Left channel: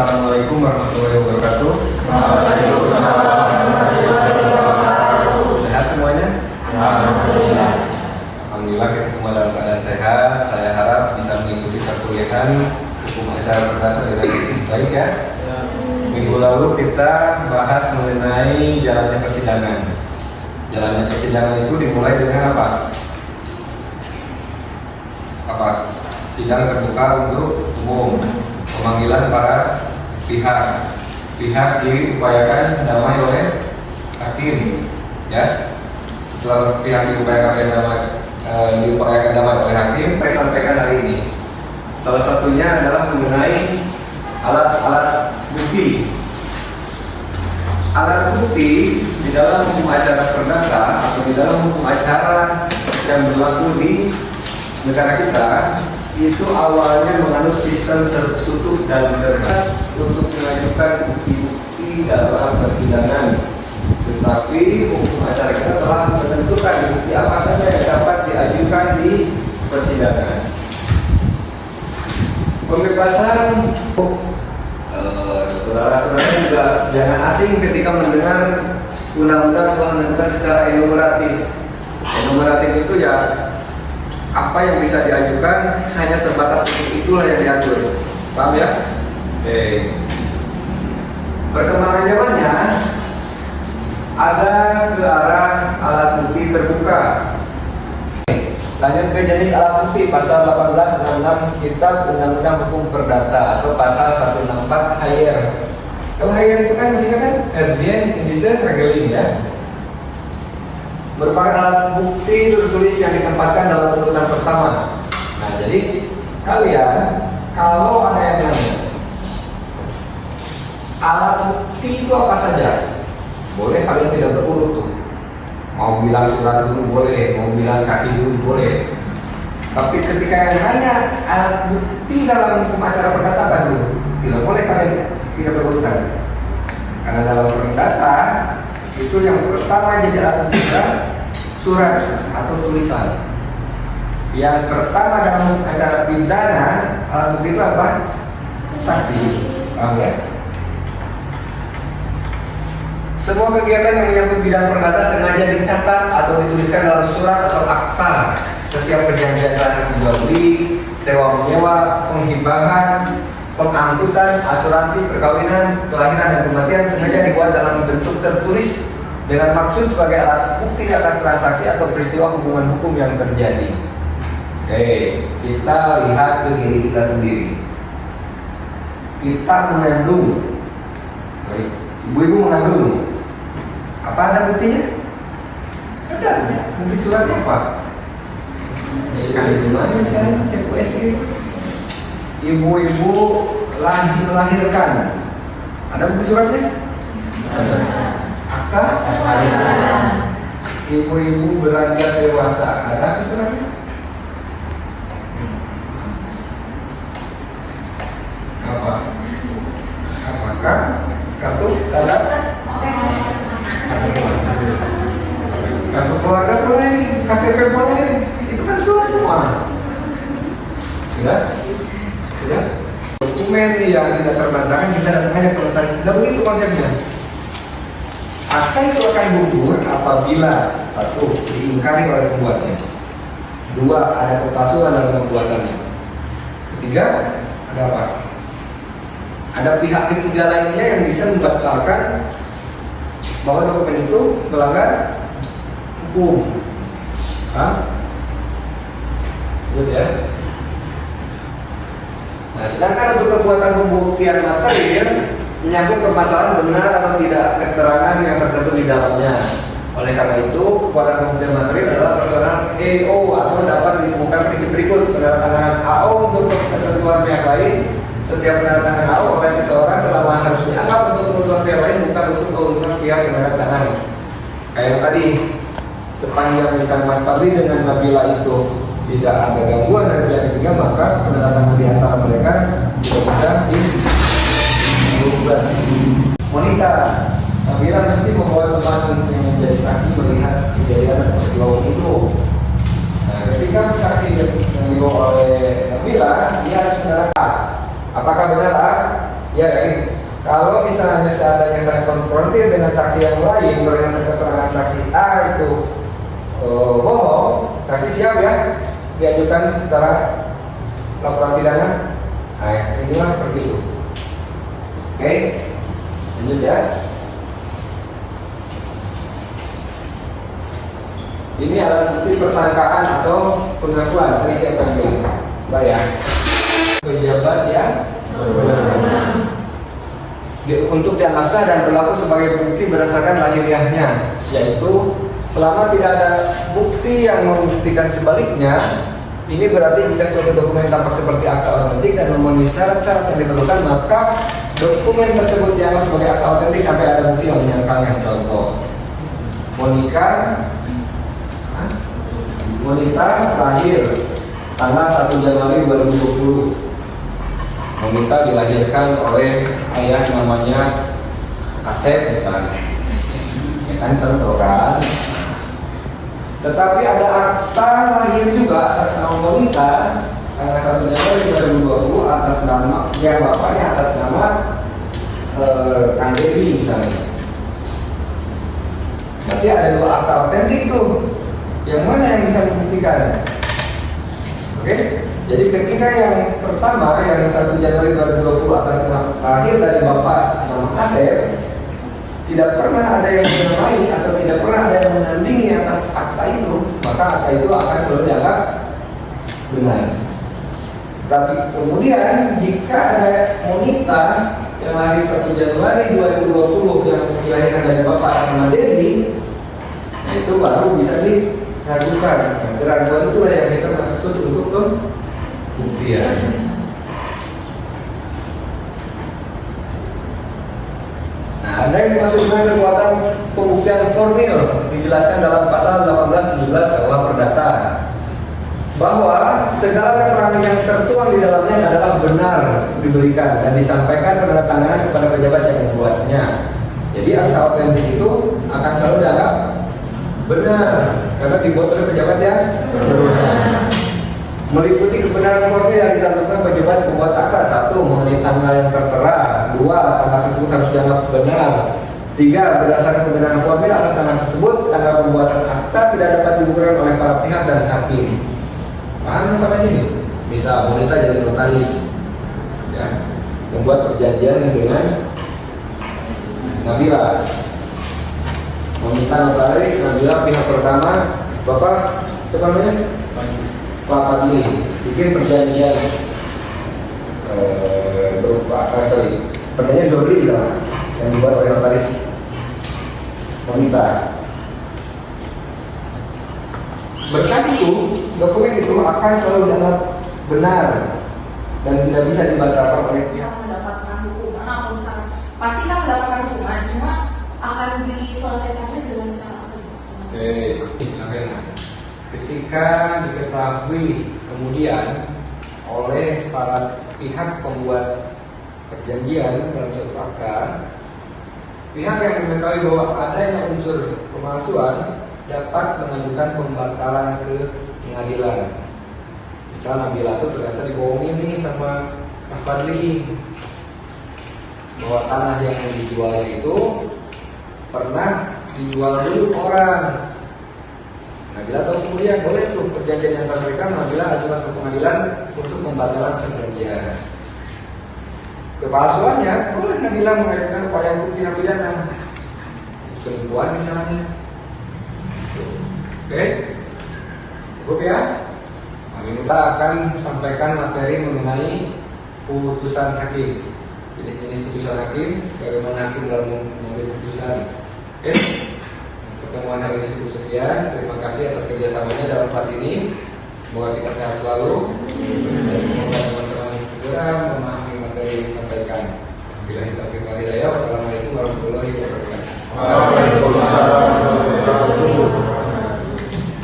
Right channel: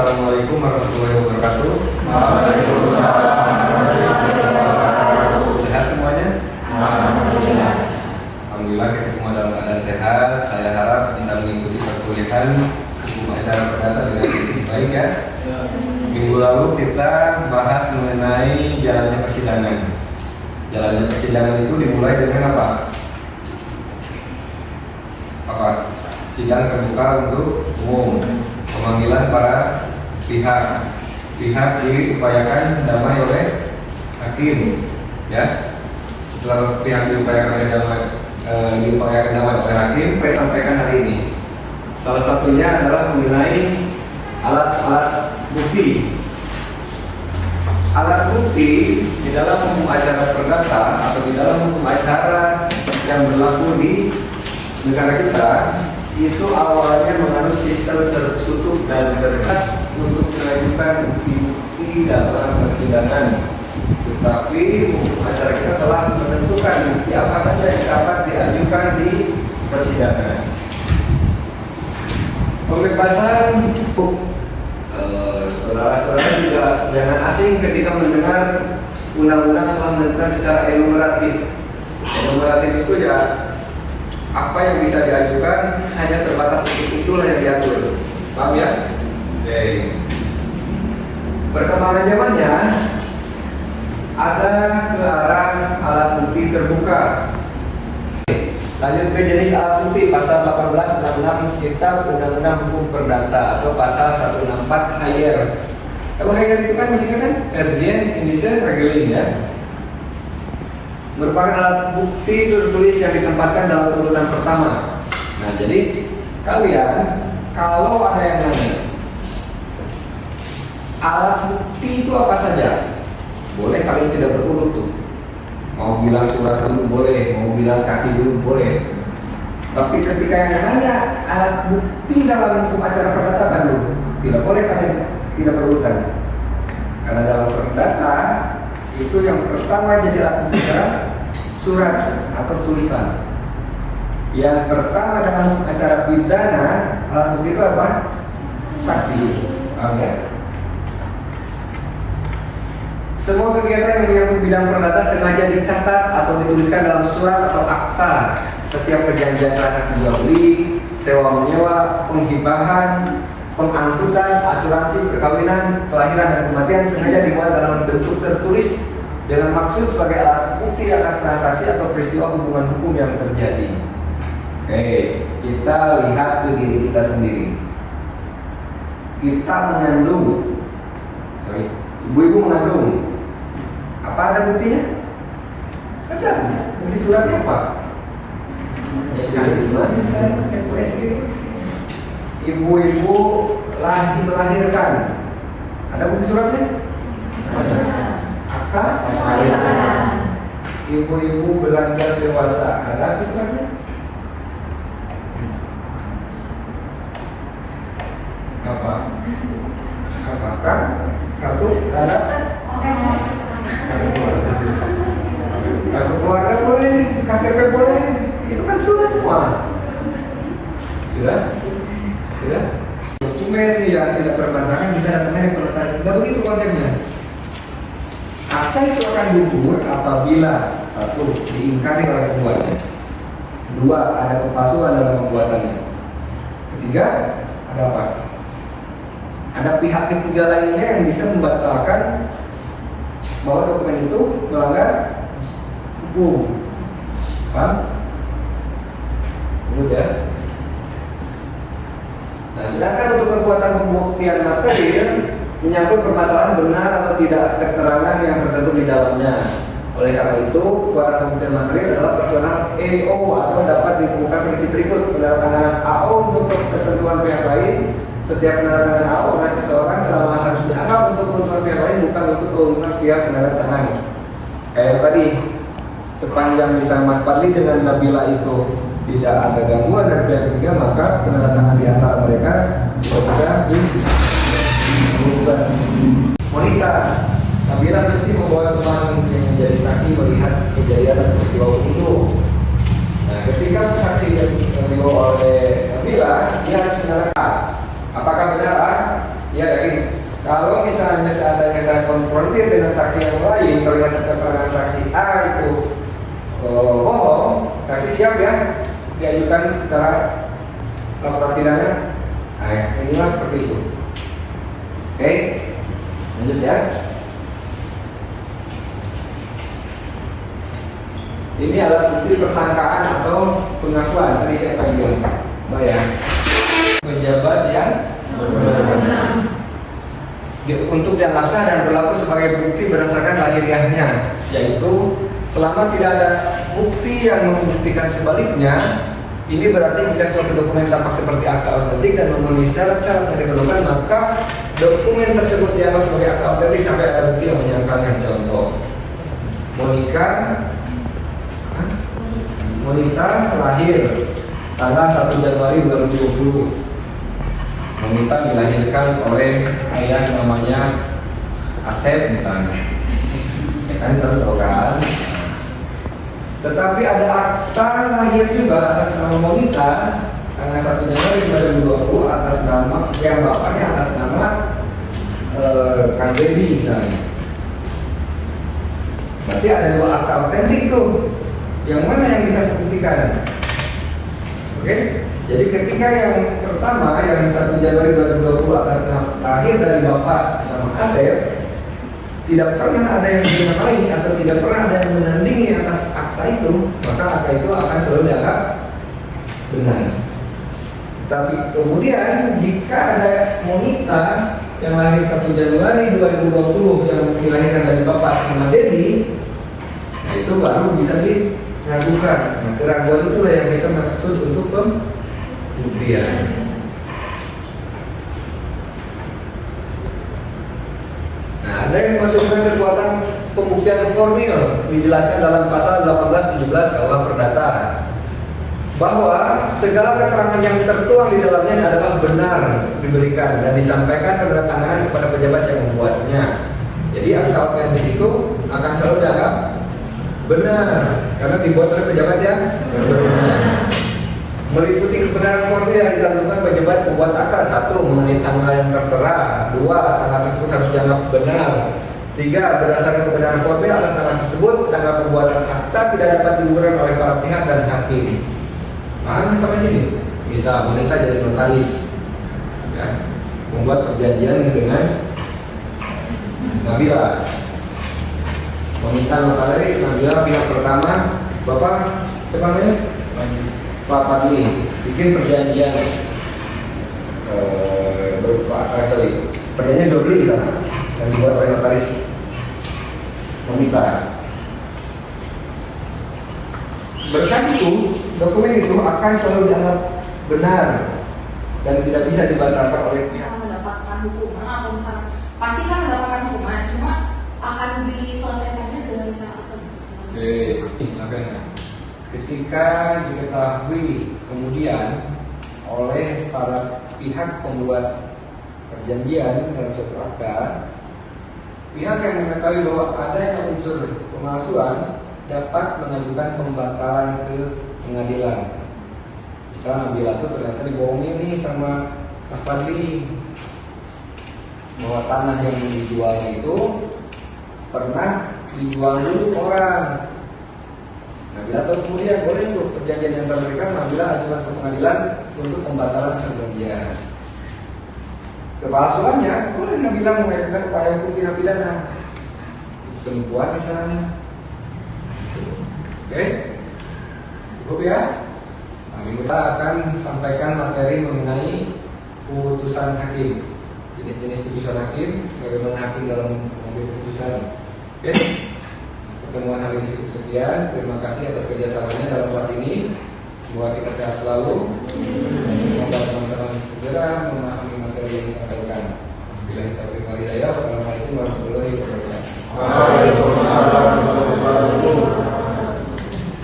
Assalamualaikum warahmatullahi wabarakatuh. Waalaikumsalam warahmatullahi wabarakatuh. Sehat semuanya? Alhamdulillah. Alhamdulillah kita semua dalam keadaan sehat. Saya harap bisa mengikuti perkuliahan hukum acara perdata dengan baik ya. Minggu lalu kita bahas mengenai jalannya persidangan. Jalannya persidangan itu dimulai dengan apa? Sidang terbuka untuk umum, pemanggilan para pihak diupayakan damai oleh hakim, ya. Setelah pihak diupayakan damai oleh hakim, saya sampaikan hari ini. Salah satunya adalah mengenai alat-alat bukti. Alat bukti di dalam hukum acara perdata atau di dalam hukum acara yang berlaku di negara kita itu awalnya menganut sistem tertutup dan terbatas untuk mengajukan bukti dalam persidangan. Tetapi hukum acara kita telah menentukan bukti apa saja yang dapat diajukan di persidangan. Pembebasan saudara-saudara juga jangan asing ketika mendengar undang-undang telah menentukan secara enumeratif. Enumeratif itu ya apa yang bisa diajukan hanya terbatas untuk itulah yang diatur. Paham ya? Oke. Perkembangan zamannya ada ke arah alat bukti terbuka. Lanjut ke jenis alat bukti pasal 1866 Kitab Undang-Undang Hukum Perdata atau pasal 164 Hayer. Kalau Hayer itu kan masih kan Erzien, Indisen, Regeling ya. Merupakan alat bukti tertulis yang ditempatkan dalam urutan pertama. Nah, jadi kalian kalau ada yang nanya alat bukti itu apa saja, boleh kalian tidak berurut tuh. Mau bilang surat dulu boleh, mau bilang saksi dulu boleh. Tapi ketika yang nanya alat bukti dalam hukum acara perdata baru, tidak boleh kalian tidak berurutan. Karena dalam perdata itu yang pertama jadi alat bukti surat atau tulisan. Yang pertama dalam acara pidana alat bukti itu apa? Saksi. Paham ya? Semua kegiatan yang menyangkut bidang perdata sengaja dicatat atau dituliskan dalam surat atau akta. Setiap perjanjian transaksi jual beli, sewa menyewa, penghibahan, pengangkutan, asuransi, perkawinan, kelahiran dan kematian sengaja dibuat dalam bentuk tertulis dengan maksud sebagai alat bukti atas transaksi atau peristiwa hubungan hukum yang terjadi. Kita lihat ke diri kita sendiri. Kita mengandung, ibu-ibu mengandung. Apa ada buktinya? Ada. Bukti suratnya apa? Ibu-ibu melahirkan. Ada bukti suratnya? Ada. Akta? Ibu-ibu beranjak dewasa. Ada bukti suratnya? Apa? Apakah kartu tanda? Kartu keluarga boleh, KTP boleh, itu kan surat semua. Sudah? Dokumen yang tidak terbatas kita datangnya ke terbatas. Tidak begitu konsepnya. Akta itu akan gugur apabila satu diingkari oleh pembuatnya, dua ada kepalsuan dalam pembuatannya, ketiga ada apa? Ada pihak ketiga lainnya yang bisa membatalkan bahwa dokumen itu melanggar hukum. Paham? Good ya? Nah, sedangkan untuk kekuatan pembuktian material menyangkut permasalahan benar atau tidak keterangan yang tertentu di dalamnya. Oleh karena itu, kekuatan pembuktian material adalah personal EO atau dapat ditemukan prinsip berikut: penandatanganan AO untuk ketentuan pihak lain. Setiap penandatangan AO oleh seseorang selama harus dianggap untuk keuntungan pihak lain bukan untuk keuntungan pihak penandatangan. Kayak tadi, sepanjang lisan Mas Fadli dengan Nabila itu tidak ada gangguan dari pihak ketiga, maka penandatangan di antara mereka bisa dilakukan. Wanita, Nabila mesti membawa teman yang menjadi saksi melihat kejadian dan peristiwa itu. Nah, ketika saksi yang dibawa oleh Nabila, dia harus menerangkan apakah benar ya, yakin Kalau misalnya seandainya saya konfrontir dengan saksi yang lain, ternyata keterangan saksi A itu bohong, saksi siap ya diajukan secara laporan pidana. Nah, inilah seperti itu. Oke, lanjut ya. Ini adalah bukti persangkaan atau pengakuan. Tadi siapa bilang? Mbak ya. Pejabat yang untuk dianggap sah dan berlaku sebagai bukti berdasarkan lahiriahnya, yaitu selama tidak ada bukti yang membuktikan sebaliknya. Ini berarti jika suatu dokumen tampak seperti akta otentik dan memenuhi syarat-syarat yang diperlukan, maka dokumen tersebut dianggap sebagai akta otentik sampai ada bukti yang menyangkalnya. Contoh, Monita lahir tanggal 1 Januari 2020. Monita dilahirkan oleh ayah namanya Asep misalnya. Kan contoh kan? Tetapi ada akta lahir juga atas nama Monita tanggal 1 Januari 2020 atas nama yang bapaknya atas nama Kang Dedi misalnya. Berarti ada dua akta otentik tuh. Yang mana yang bisa dibuktikan? Oke? Jadi ketika yang pertama yang 1 Januari 2020 atas nama lahir dari bapak nama Asep, tidak pernah ada yang mengenai atau tidak pernah ada yang menandingi atas akta itu, maka akta itu akan selalu dianggap benar. Tapi kemudian jika ada Monita yang lahir 1 Januari 2020 yang dilahirkan dari bapak nama Dedi, nah itu baru bisa diragukan. Nah, keraguan itulah yang kita maksud untuk pembuktian. Nah, ada yang dimasukkan kekuatan pembuktian formil dijelaskan dalam pasal 18-17 KUH Perdata bahwa segala keterangan yang tertuang di dalamnya adalah benar diberikan dan disampaikan penandatanganan kepada pejabat yang membuatnya. Jadi akta otentik itu akan selalu dianggap benar karena dibuat oleh pejabat yang berwenang. Meliputi kebenaran formil yang dilakukan pejabat pembuat akta. 1. Mengenai tanggal yang tertera. 2. Tanggal tersebut harus dianggap benar. 3. Berdasarkan kebenaran formil atas tanggal tersebut, tanggal pembuatan akta tidak dapat digugurkan oleh para pihak dan hakim. Paham sampai sini? Bisa Monita jadi notaris, ya, membuat perjanjian dengan Nabila. Meminta notaris, Nabila pihak pertama, Bapak siapa namanya? Pak Padli, bikin perjanjian berupa perjanjian jual beli yang dibuat oleh notaris Meminta. Berkas itu, dokumen itu akan selalu dianggap benar dan tidak bisa dibatalkan oleh pihak. Mendapatkan hukuman atau misalkan pasti kan mendapatkan hukuman, cuma akan diselesaikannya dengan cara apa? Ketika diketahui kemudian oleh para pihak pembuat perjanjian dalam suatu akta, pihak yang mengetahui bahwa adanya unsur pemalsuan dapat mengajukan pembatalan ke pengadilan. Misal Nabila tuh ternyata dibohongin nih sama Mas Fadli bahwa tanah yang dijualnya itu pernah dijual dulu orang. Nabila tahu kemudian boleh tuh perjanjian yang mereka Nabila ajukan ke pengadilan untuk pembatalan perjanjian. Kepalsuannya boleh Nabila mengajukan upaya hukum tindak pidana penipuan misalnya. Oke, cukup ya. Nah, kita akan sampaikan materi mengenai putusan hakim, jenis-jenis putusan hakim, bagaimana hakim dalam mengambil putusan. Oke, pertemuan hari ini cukup sekian. Terima kasih atas kerjasamanya dalam kelas ini. Semoga kita sehat selalu. Semoga teman-teman segera memahami materi yang disampaikan. Bila kita kembali, wassalamualaikum warahmatullahi wabarakatuh. Waalaikumsalam warahmatullahi wabarakatuh.